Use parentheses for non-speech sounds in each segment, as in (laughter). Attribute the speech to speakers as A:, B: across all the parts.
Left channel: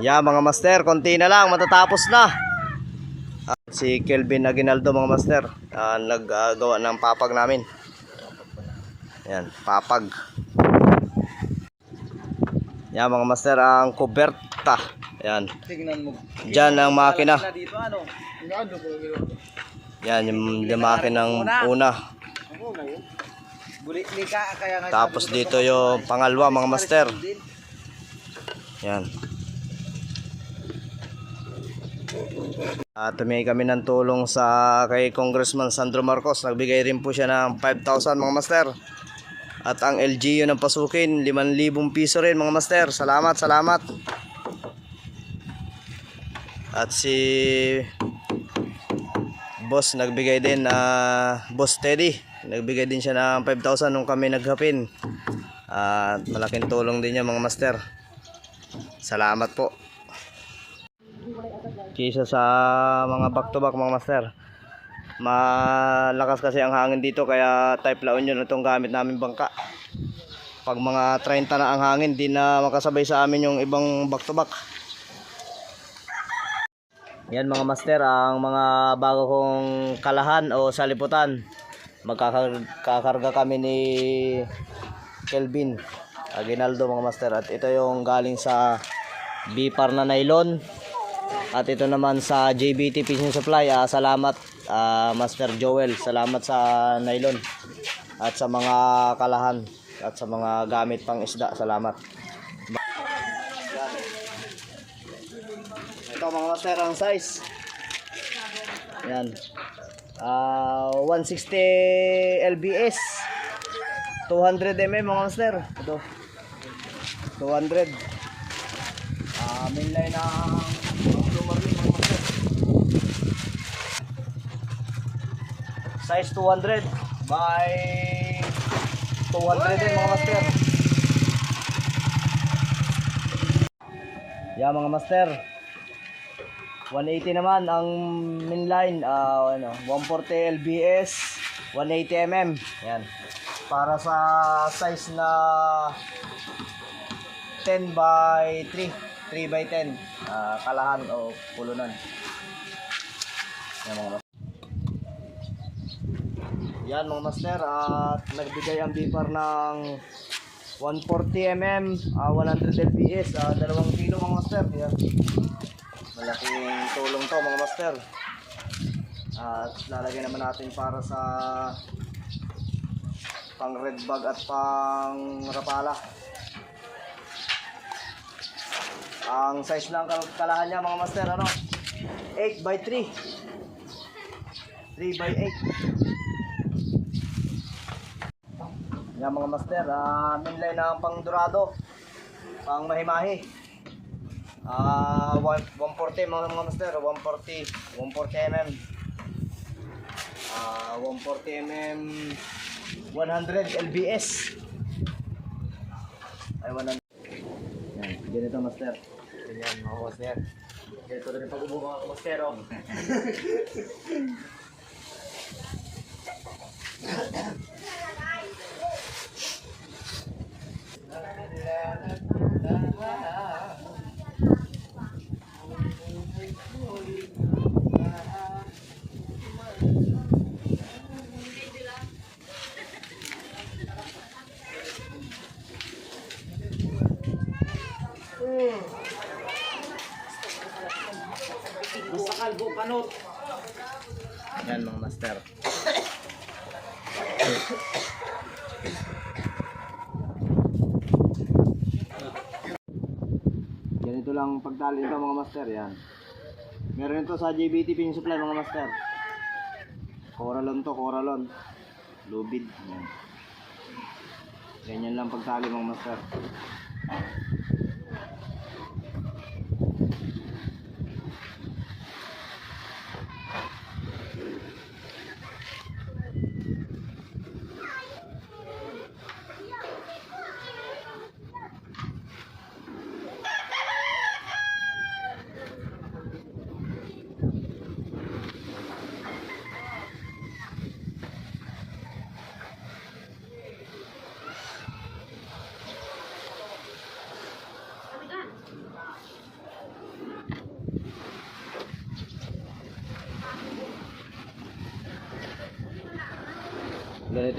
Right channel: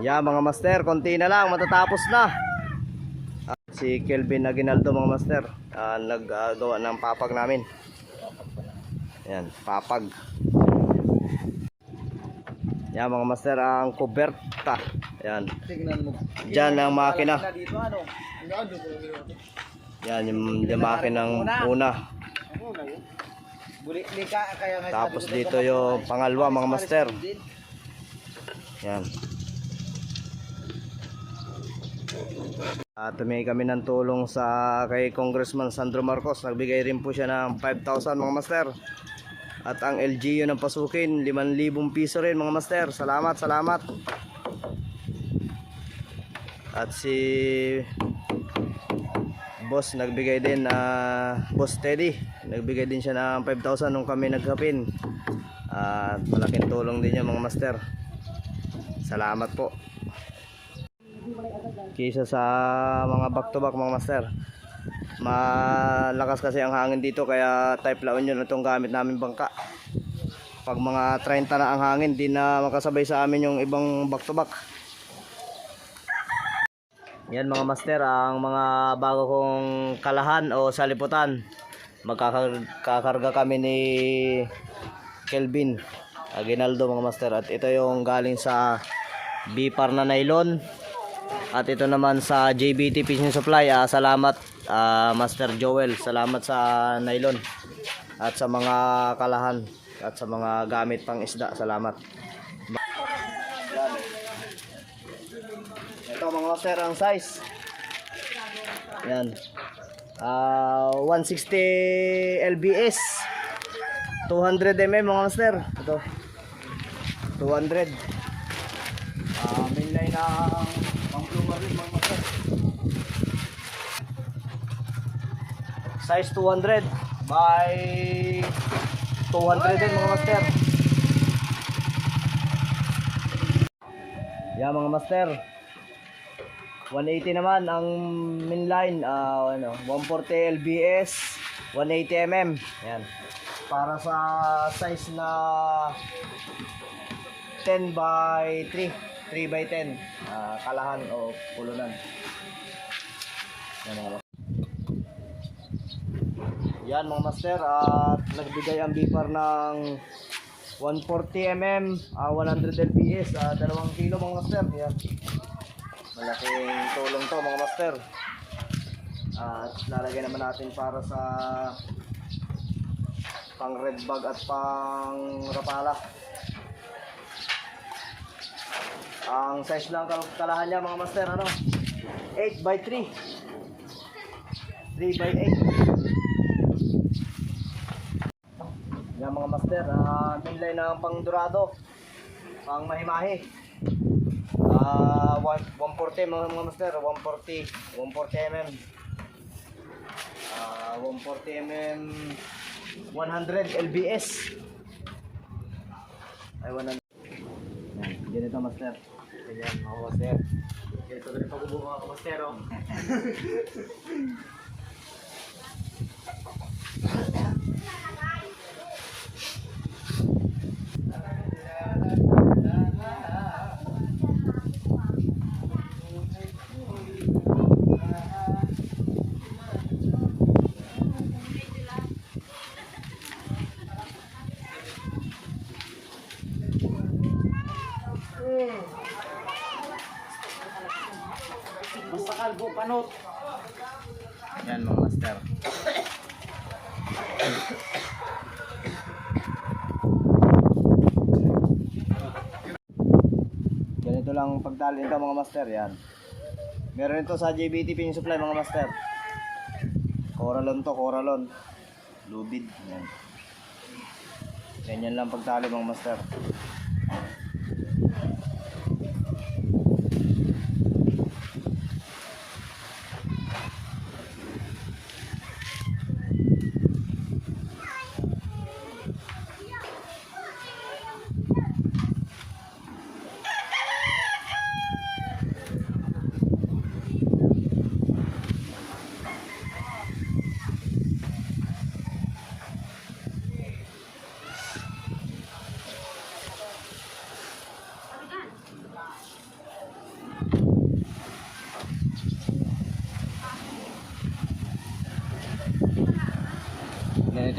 A: Yeah, mga master, konti na lang, matatapos na. Ah, si Kelvin Aguinaldo mga master, ah, naggagawa ng papag namin. Yan, papag. Yan mga master, ang kuberta. Yan.
B: Tingnan mo.
A: Diyan ang makina.
B: Na dito ano? Ano
A: Yan, yung, yung makina ng una. Tapos dito yung pangalawa mga master. Yan. At humingi kami ng tulong sa kay Congressman Sandro Marcos. Nagbigay rin po siya ng 5,000 mga master. At ang LGU ng pasukin, 5,000 piso rin mga master. Salamat, salamat. At si Boss nagbigay din na Boss Teddy. Nagbigay din siya ng 5,000 nung kami naghapin. At malaking tulong din niya mga master. Salamat po. Kisa sa mga back to back mga master. Malakas kasi ang hangin dito kaya type La Union itong gamit namin bangka. Pag mga 30 na ang hangin, di na makasabay sa amin yung ibang back to back. Yan mga master, ang mga bago kong kalahan o saliputan. Magkakarga kami ni Kelvin Aguinaldo mga master. At ito yung galing sa Bipar na nylon. At ito naman sa JBT Fishing Supply. Ah, salamat ah, Master Joel. Salamat sa nylon. At sa mga kalahan. At sa mga gamit pang isda. Salamat. Ito mga master ang size. Yan. Ah, 160 LBS. 200 mm mga master. Ito. 200. Ah, main line na rin mga master. Size 200 by 200 din mga master. Yeah, mga master. 180 naman ang main line, ah ano, 140 LBS, 180 mm. Yan. Para sa size na 10 by 3, 3 by 10, ah, kalahan o pulunan. Yan mga. Yan mga master at nagbigay ang bipar ng 140 mm, ah, 100 LBS, ah, 2 kilo mga master. Yan. Malaking tulong to mga master. At lalagay naman natin para sa pang red bag at pang rapala. Ang size ng kal- kalahan niya mga master ano? 8 by 3. 3 by 8. Yan mga master, ah, minlay ng pang dorado, pang mahimahi. Ah, one- 140 mga, mga master, 140, 140 mm. Ah, 140 mm 100 LBS. Ay 100. Yan, Ganito master. Ganyan mga master. Ganito rin ang pagbubuo mga master. Oh. (laughs)
B: Basta kalbo panot.
A: Yan mga master. Ganito lang pagtali ito mga master yan. Meron ito sa JBT Pin Supply mga master. Coralon to, coralon. Lubid. Yan. Ganyan lang pagtali mga master.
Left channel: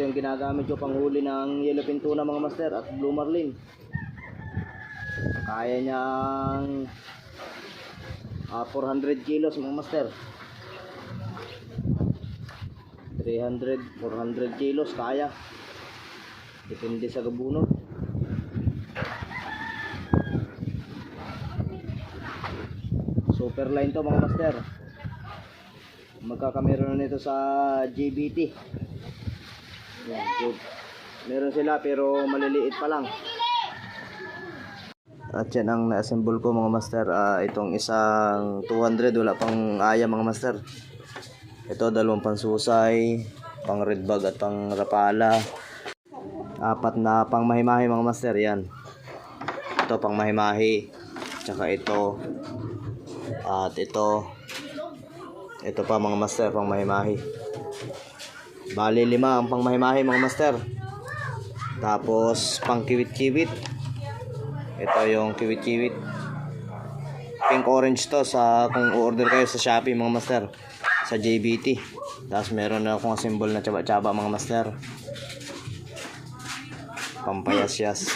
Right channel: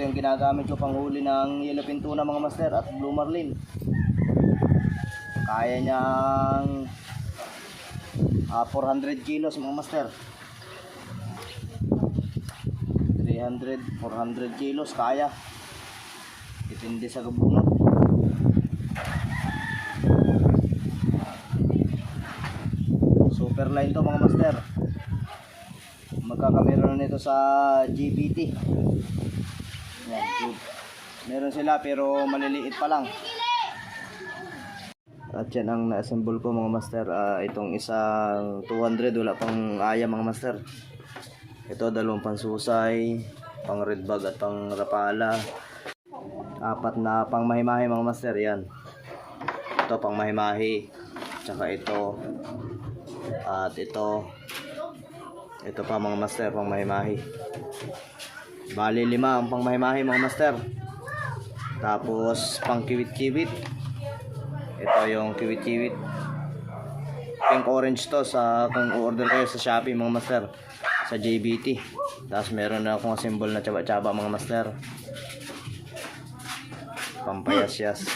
A: Yung ginagamit ko panghuli ng yellowfin tuna mga master at blue marlin. Kaya niyang ah, 400 kilos mga master. 300, 400 kilos kaya. Depende sa gabuno. Super line to mga master. Magkakamera nito sa GBT. Meron sila pero maliliit pa lang. At yan ang na-assemble ko mga master. Ah, itong isang 200 wala pang aya mga master. Ito dalawang pansusay, pang red bag at pang rapala. Apat na pang mahimahi mga master yan. Ito pang mahimahi. Tsaka ito. At ito. Ito pa mga master pang mahimahi. Bali lima ang pang mahimahi mga master. Tapos pang kiwit-kiwit. Ito yung kiwit-kiwit. Pink orange to sa kung order kayo sa Shopee mga master. Sa JBT. Tapos meron na akong symbol na tsaba-tsaba mga master. Pampayas-yas.